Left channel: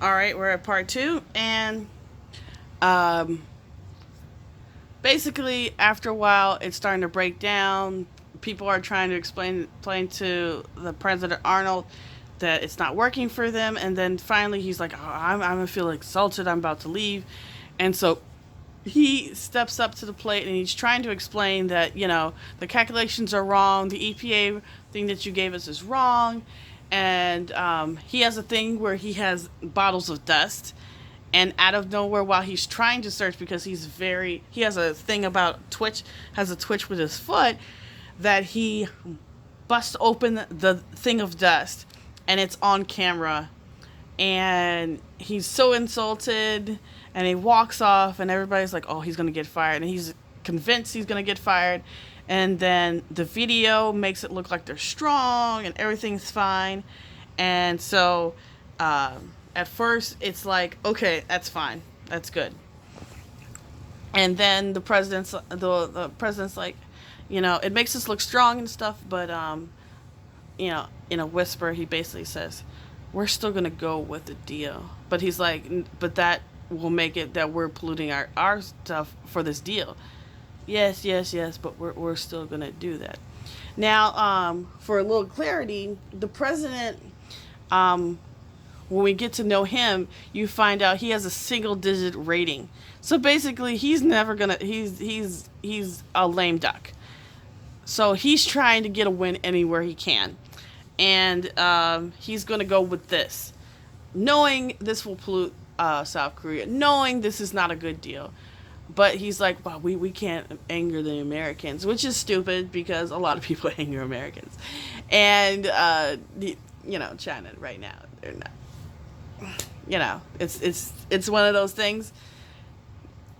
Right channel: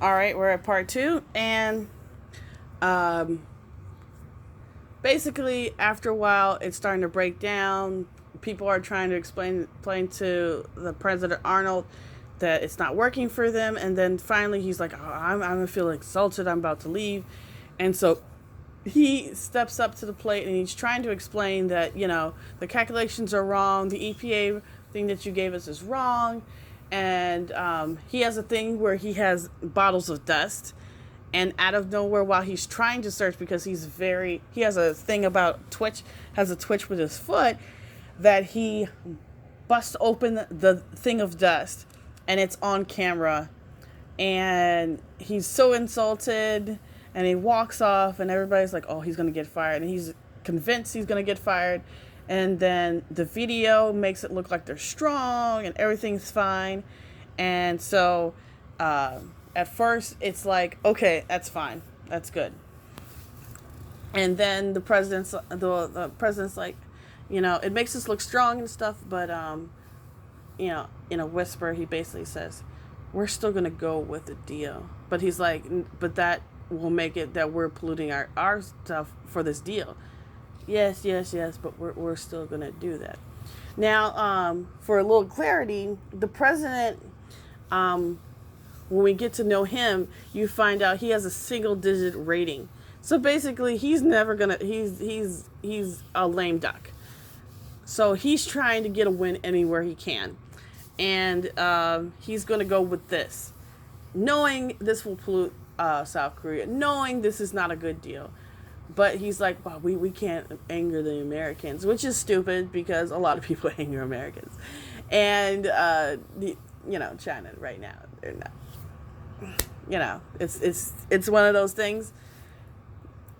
All right, we're at part two, and um, basically, after a while, it's starting to break down. People are trying to explain to the President Arnold that it's not working for them, and then finally, he's like, "Oh, I'm gonna feel insulted. I'm about to leave," and so he steps up to the plate and he's trying to explain that the calculations are wrong, the EPA thing that you gave us is wrong, and he has a thing where he has bottles of dust, and out of nowhere, while he's trying to search, because he has a thing about has a twitch with his foot, that he busts open the thing of dust, and it's on camera, and he's so insulted, and he walks off, and everybody's like, oh, he's gonna get fired, and he's convinced he's gonna get fired, and then the video makes it look like they're strong and everything's fine, and so at first it's like, okay, that's fine, that's good, and then the president's like, it makes us look strong and stuff, but in a whisper, he basically says, we're still going to go with the deal. But he's like, but that will make it that we're polluting our stuff for this deal. Yes, yes, yes, but we're still going to do that. Now, for a little clarity, the president, when we get to know him, you find out he has a single digit rating. So basically, he's never going to, he's a lame duck. So he's trying to get a win anywhere he can. And he's going to go with this, knowing this will pollute South Korea, knowing this is not a good deal. But he's like, well, we can't anger the Americans, which is stupid because a lot of people anger Americans. And, China right now, they're not. It's one of those things.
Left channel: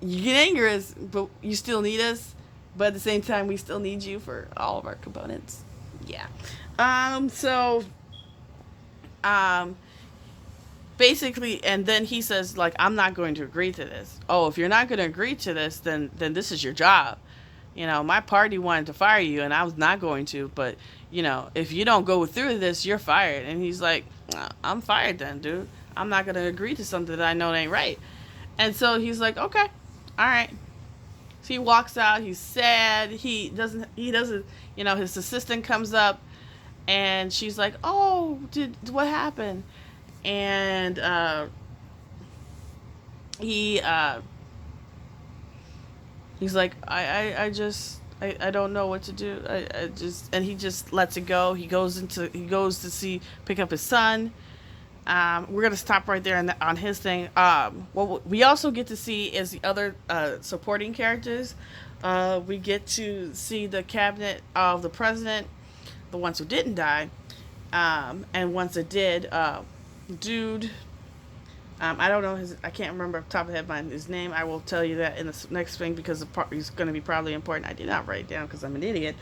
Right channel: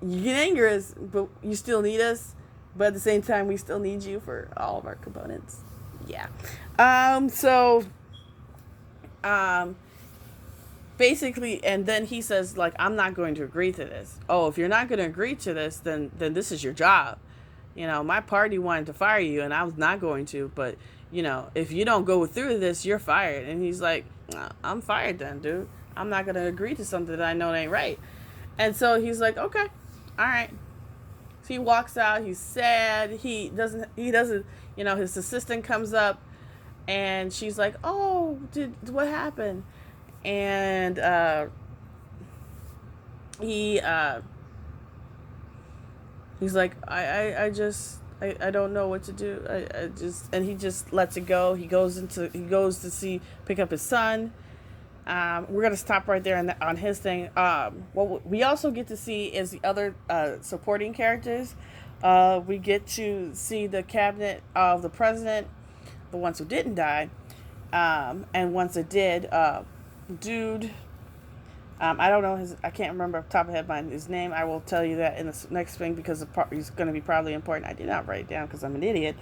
You can anger us, but you still need us. But at the same time, we still need you for all of our components. Yeah. So, basically, and then he says, like, I'm not going to agree to this. Oh, if you're not going to agree to this, then this is your job. My party wanted to fire you, and I was not going to. But, if you don't go through with this, you're fired. And he's like, I'm fired then, dude. I'm not going to agree to something that I know ain't right. And so he's like, okay, all right. So he walks out. He's sad. He doesn't. His assistant comes up, and she's like, "Oh, what happened?" And he he's like, I don't know what to do. And he just lets it go. He goes to pick up his son. We're gonna stop right there on his thing. What we also get to see is the other supporting characters. We get to see the cabinet of the president, the ones who didn't die, and once it did, dude. I don't know I can't remember off the top of his name. I will tell you that in the next thing because he's going to be probably important. I did not write it down because I'm an idiot.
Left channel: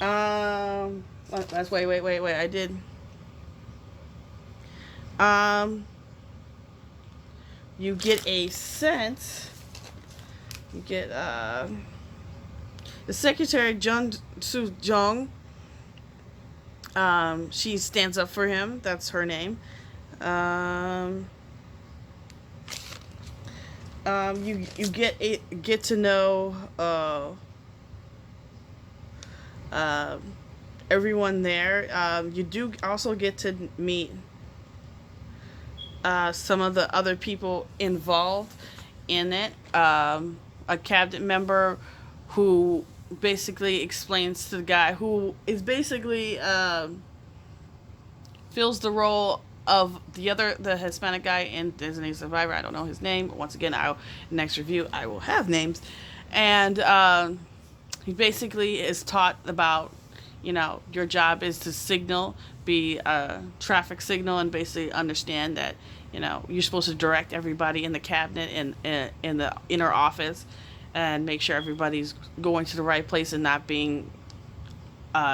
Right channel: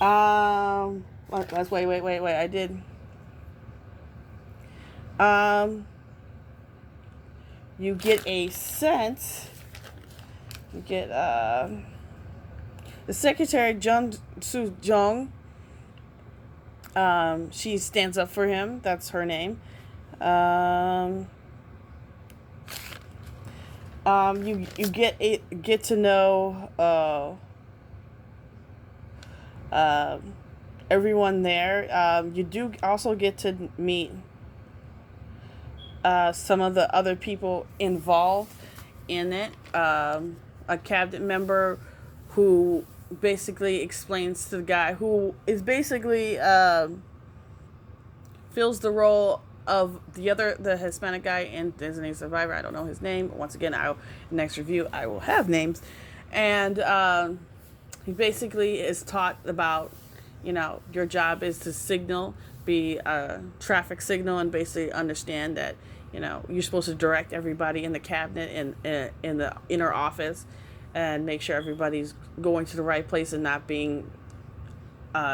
Let's wait. I did. You get a sense. You get the secretary Jung Soo Jung. She stands up for him. That's her name. You get to know everyone there. You do also get to meet some of the other people involved in it. A cabinet member who basically explains to the guy who is basically fills the role of the Hispanic guy in Designated Survivor. I don't know his name. Once again, next review I will have names, and he basically is taught about your job is to signal, be a traffic signal, and basically understand that you're supposed to direct everybody in the cabinet and in the inner office and make sure everybody's going to the right place and not being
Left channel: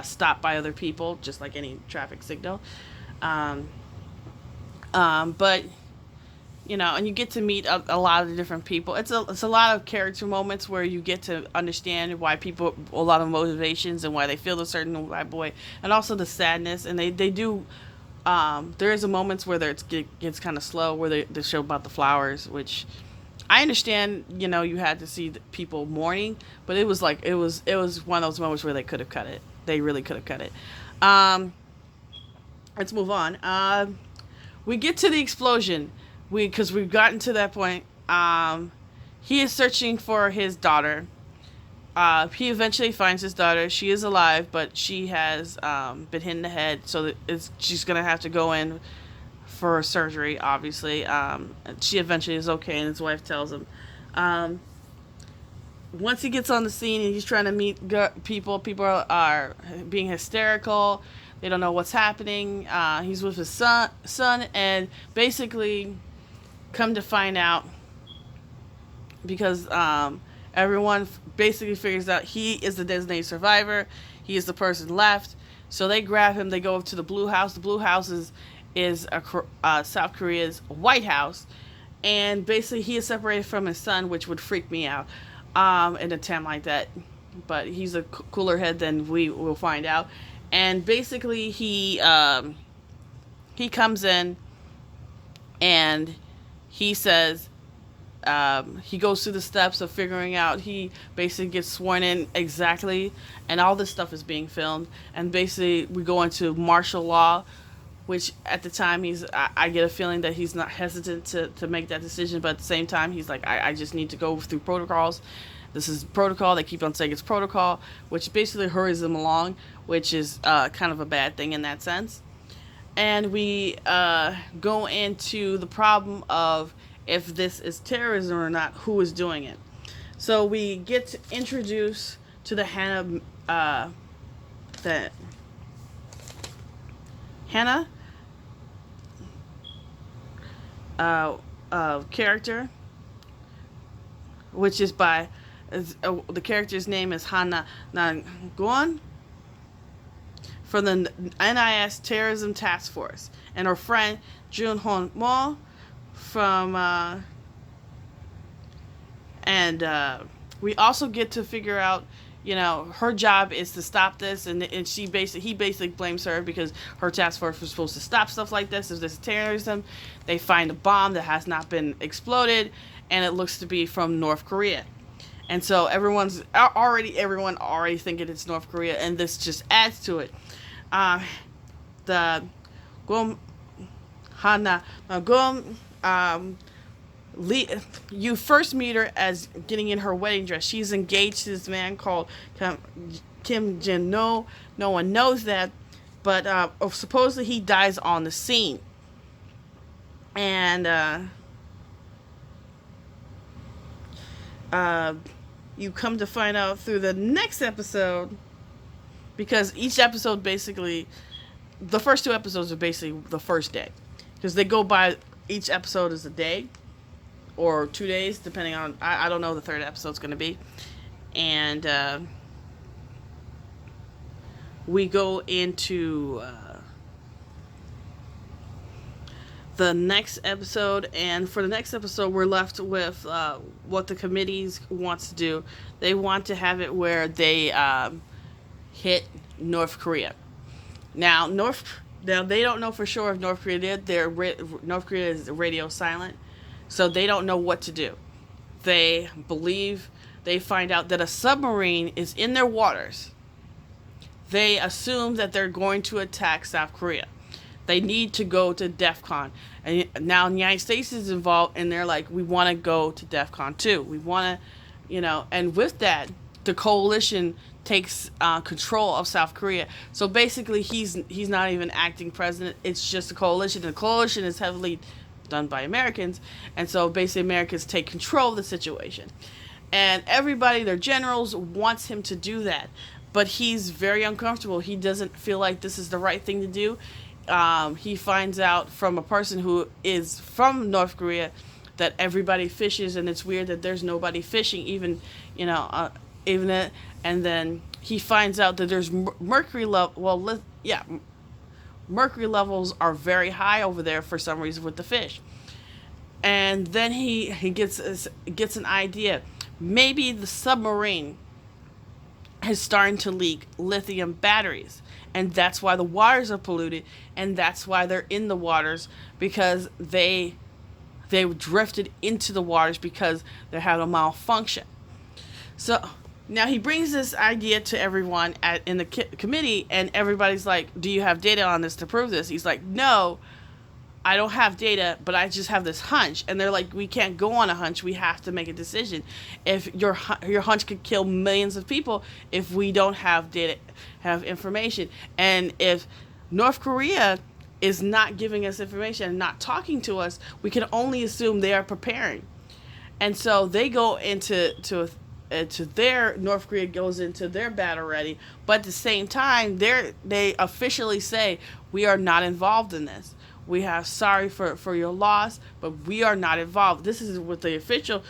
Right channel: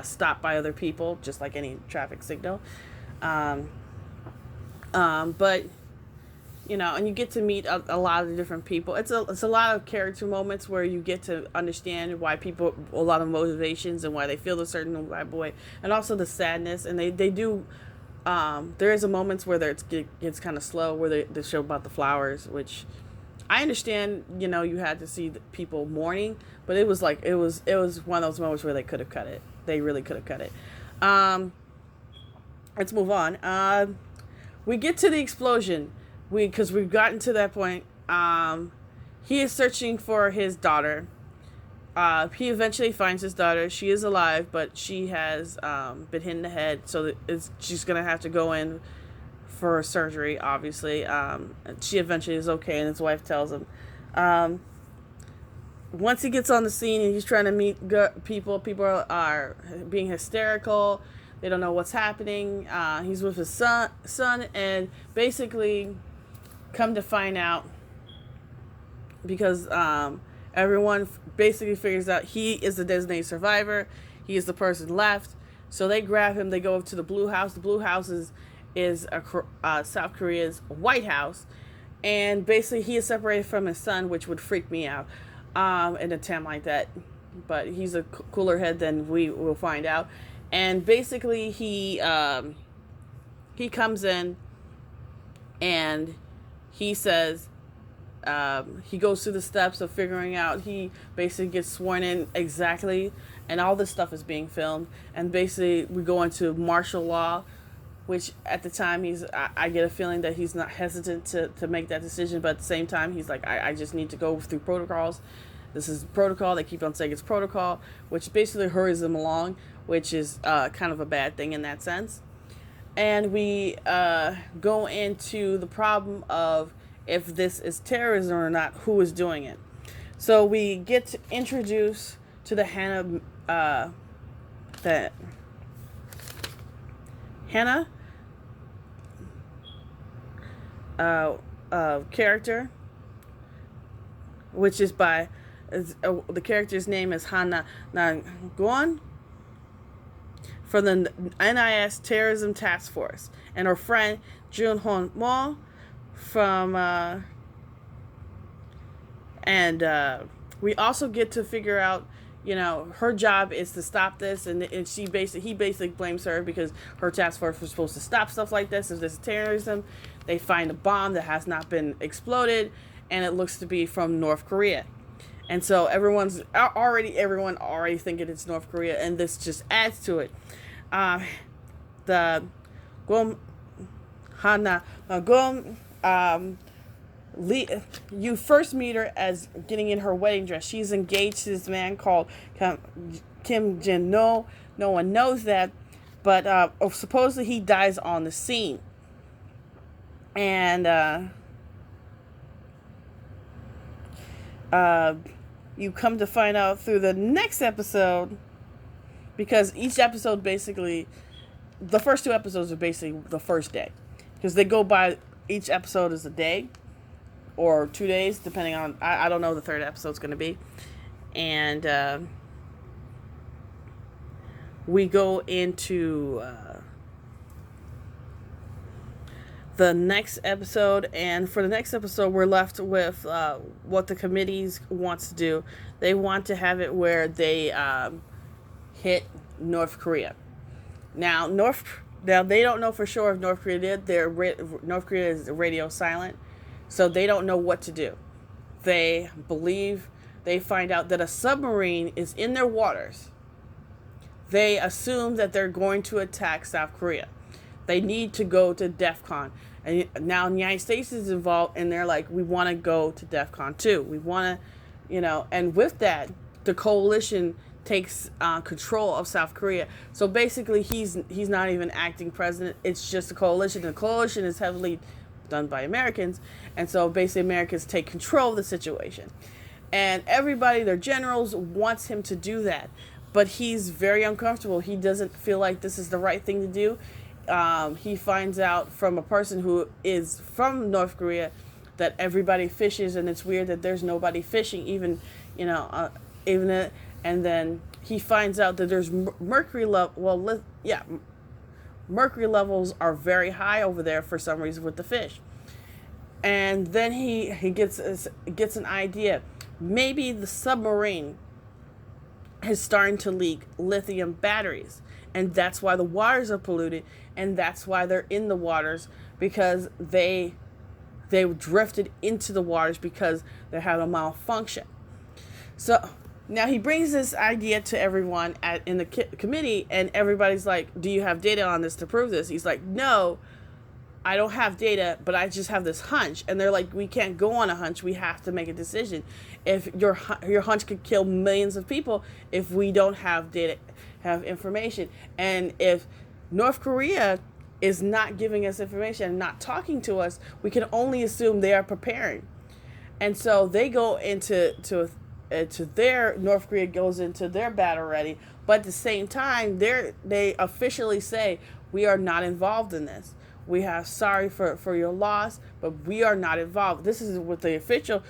stopped by other people, just like any traffic signal. But and you get to meet a lot of different people. It's a lot of character moments where you get to understand why people, a lot of motivations and why they feel a certain white boy, and also the sadness. And they do There is a moments where it gets kind of slow, where they show about the flowers, which I understand. You had to see the people mourning, but it was like it was one of those moments where they could have cut it. They really could have cut it. Um, let's move on. We get to the explosion. Because we've gotten to that point. He is searching for his daughter. He eventually finds his daughter. She is alive, but she has been hit in the head, so she's gonna have to go in for surgery. Obviously, she eventually is okay, and his wife tells him. Once he gets on the scene and he's trying to meet people are being hysterical. They don't know what's happening. He's with his son, and basically, come to find out, because everyone basically figures out he is the designated survivor. He is the person left. So they grab him. They go to the Blue House. The Blue House is South Korea's White House. And basically he is separated from his son, which would freak me out in a time like that. But he's a cooler head than we will find out. And basically he comes in and he says, he goes through the steps of figuring out. He basically gets sworn in exactly, and all this stuff is being filmed. And basically, we go into martial law, which at the time I get a feeling that he's not hesitant to make that decision, but at the same time, he's like, I just need to go through protocols. This is protocol. They keep on saying it's protocol, which basically hurries them along, which is kind of a bad thing in that sense. And we go into the problem of if this is terrorism or not, who is doing it. So we get introduced to the Hannah character, which is by the character's name is Hannah Nangon from the NIS Terrorism Task Force, and her friend Jun Hon Mo from we also get to figure out, her job is to stop this, and he basically blames her because her task force was supposed to stop stuff like this. If there's terrorism, they find a bomb that has not been exploded, and it looks to be from North Korea. And so everyone already thinking it's North Korea, and this just adds to it. The Gom Hana Gom you first meet her as getting in her wedding dress. She's engaged to this man called Kim Jin No. No one knows that, but supposedly he dies on the scene. And you come to find out through the next episode, because each episode basically, the first two episodes are basically the first day, because they go by, each episode is a day or 2 days, depending on, I don't know the third episode's going to be. And we go into the next episode, and for the next episode we're left with what the committees wants to do. They want to have it where they hit North Korea. Now they don't know for sure if North Korea did. North Korea is radio silent, so they don't know what to do. They find out that a submarine is in their waters. They assume that they're going to attack South Korea. They need to go to DEFCON. And now the United States is involved, and they're like, we want to go to DEFCON too. We want to, and with that, the coalition takes control of South Korea. So basically, he's not even acting president. It's just a coalition. The coalition is heavily done by Americans, and so basically Americans take control of the situation. And everybody, their generals, wants him to do that, but he's very uncomfortable. He doesn't feel like this is the right thing to do. He finds out from a person who is from North Korea that everybody fishes, and it's weird that there's nobody fishing, even and then he finds out that there's mercury mercury levels are very high over there for some reason with the fish. And then he gets an idea. Maybe the submarine is starting to leak lithium batteries, and that's why the waters are polluted, and that's why they're in the waters, because they drifted into the waters because they had a malfunction. So now he brings this idea to everyone in the committee, and everybody's like, do you have data on this to prove this? He's like, no, I don't have data, but I just have this hunch. And they're like, we can't go on a hunch. We have to make a decision. If your hunch could kill millions of people if we don't have data, have information. And if North Korea is not giving us information and not talking to us, we can only assume they are preparing. And so they go into their North Korea goes into their battle ready, but at the same time they officially say, we are not involved in this. We have sorry for your loss, but we are not involved. This is what the official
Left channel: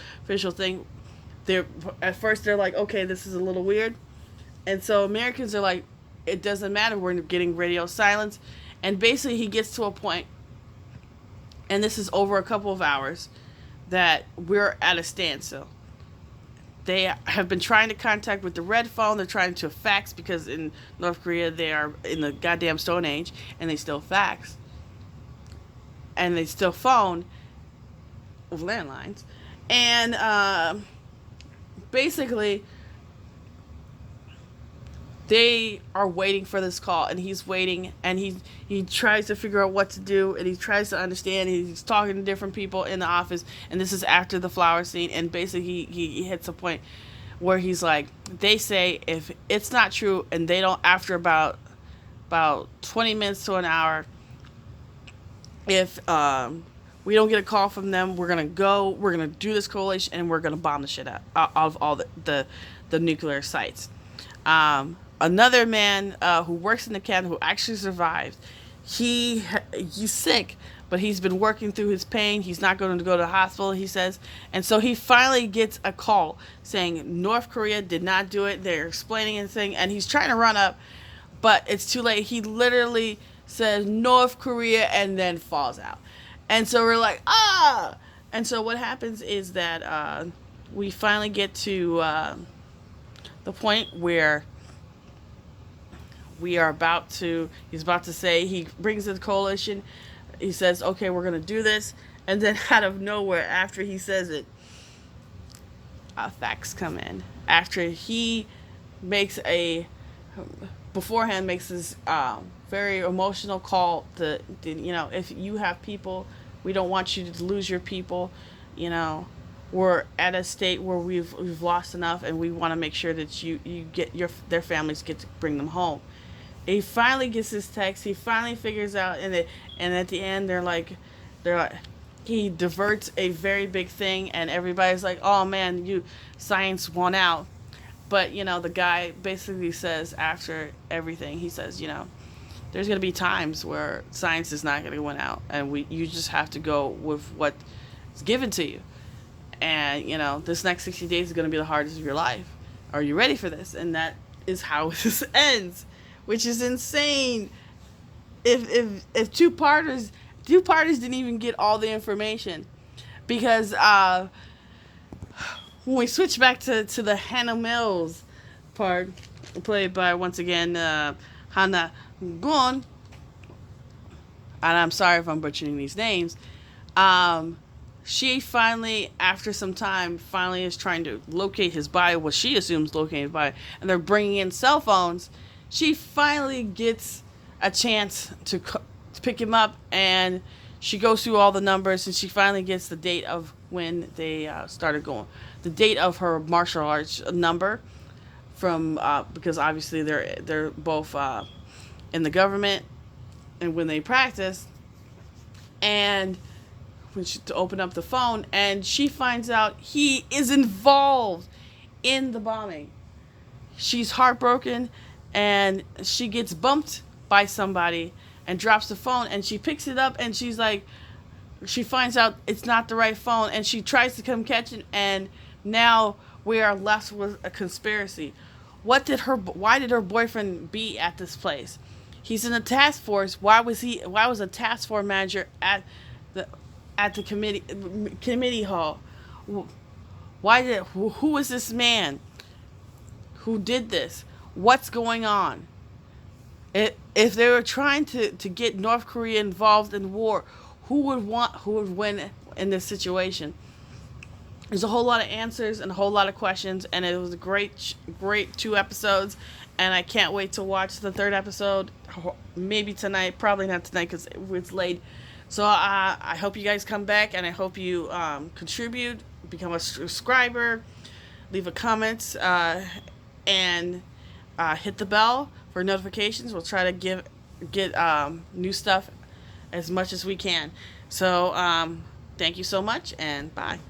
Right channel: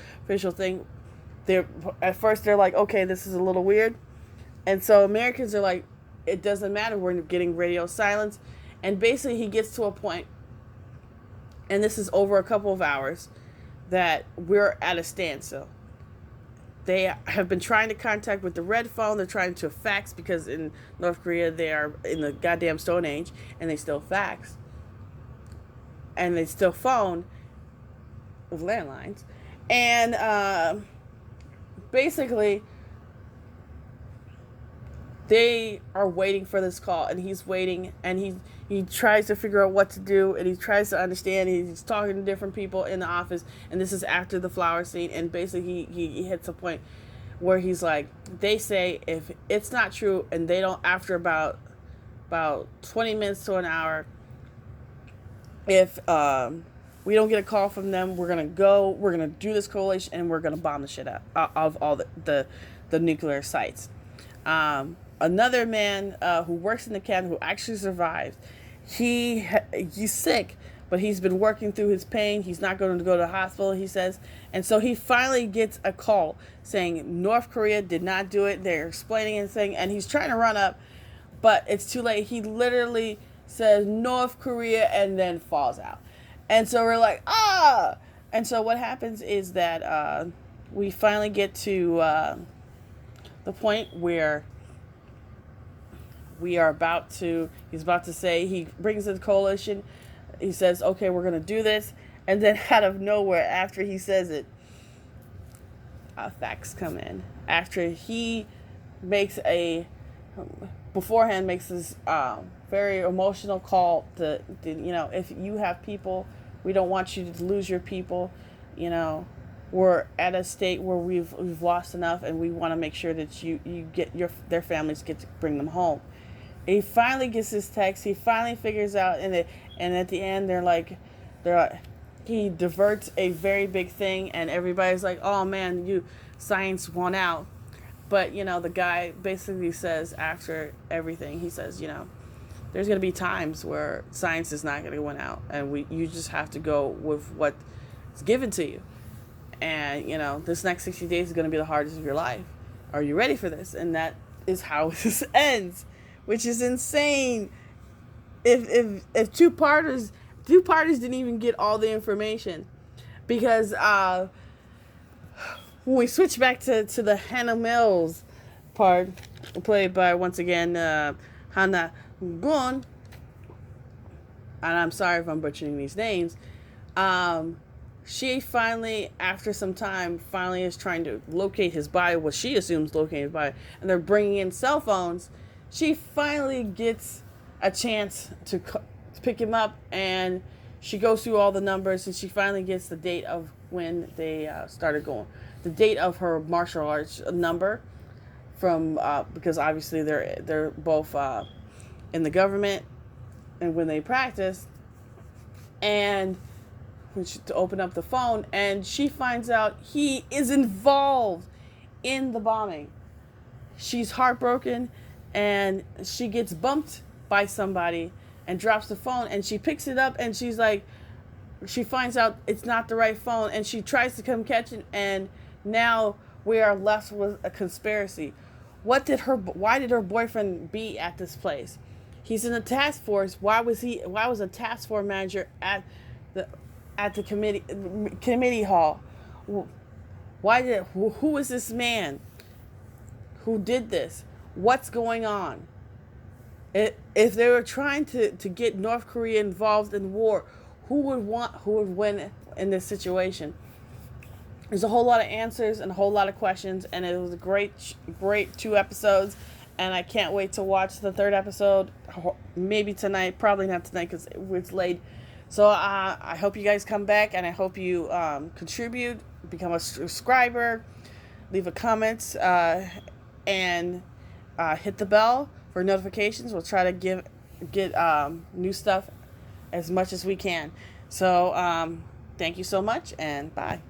thing. They're at first they're like, okay, this is a little weird, and so Americans are like, it doesn't matter. We're getting radio silence, and basically he gets to a point, and this is over a couple of hours, that we're at a standstill. They have been trying to contact with the red phone. They're trying to fax because in North Korea they are in the goddamn Stone Age, and they still fax. And they still phone with landlines. And basically, they are waiting for this call, and he's waiting, and he tries to figure out what to do, and he tries to understand. He's talking to different people in the office, and this is after the flower scene, and basically he hits a point where he's like, they say if it's not true, and they don't, after about 20 minutes to an hour, if we don't get a call from them, we're gonna do this coalition, and we're gonna bomb the shit out of all the nuclear sites. Another man who works in the cabin, who actually survived, he's sick, but he's been working through his pain. He's not going to go to the hospital, he says. And so he finally gets a call saying North Korea did not do it. They're explaining anything, and he's trying to run up, but it's too late. He literally says North Korea and then falls out. And so we're like, ah! And so what happens is that we finally get to the point where he's about to say, he brings in the coalition, he says, okay, we're going to do this, and then out of nowhere, after he says it, facts come in. After he makes beforehand makes this very emotional call to, if you have people, we don't want you to lose your people, we're at a state where we've lost enough, and we want to make sure that you get their families get to bring them home. He finally gets his text. He finally figures out, and at the end they're like, he diverts a very big thing, and everybody's like, oh man, science won out. But the guy basically says, after everything, he says, there's going to be times where science is not going to win out, and you just have to go with what's given to you. And this next 60 days is going to be the hardest of your life. Are you ready for this? And that is how this ends, which is insane. If two parties didn't even get all the information, because when we switch back to the Hannah Mills part, played by once again Hannah Gun, and I'm sorry if I'm butchering these names. She finally, after some time, is trying to locate his body, what she assumes locating his body, and they're bringing in cell phones. She finally gets a chance to pick him up, and she goes through all the numbers, and she finally gets the date of when they started going. The date of her martial arts number, from because obviously they're both in the government, and when they practice, and to open up the phone, and she finds out he is involved in the bombing. She's heartbroken, and she gets bumped by somebody and drops the phone, and she picks it up, and she's like, she finds out it's not the right phone, and she tries to come catch it, and now we are left with a conspiracy. Why did her boyfriend be at this place? He's in a task force. Why was a task force manager at the committee hall? Who is this man who did this? What's going on? If they were trying to get North Korea involved in war, who would win in this situation? There's a whole lot of answers and a whole lot of questions, and it was a great 2 episodes, and I can't wait to watch the third episode. Maybe tonight, probably not tonight because it's late. So I hope you guys come back, and I hope you contribute, become a subscriber, leave a comment, and hit the bell for notifications. We'll try to get new stuff as much as we can. So thank you so much, and bye.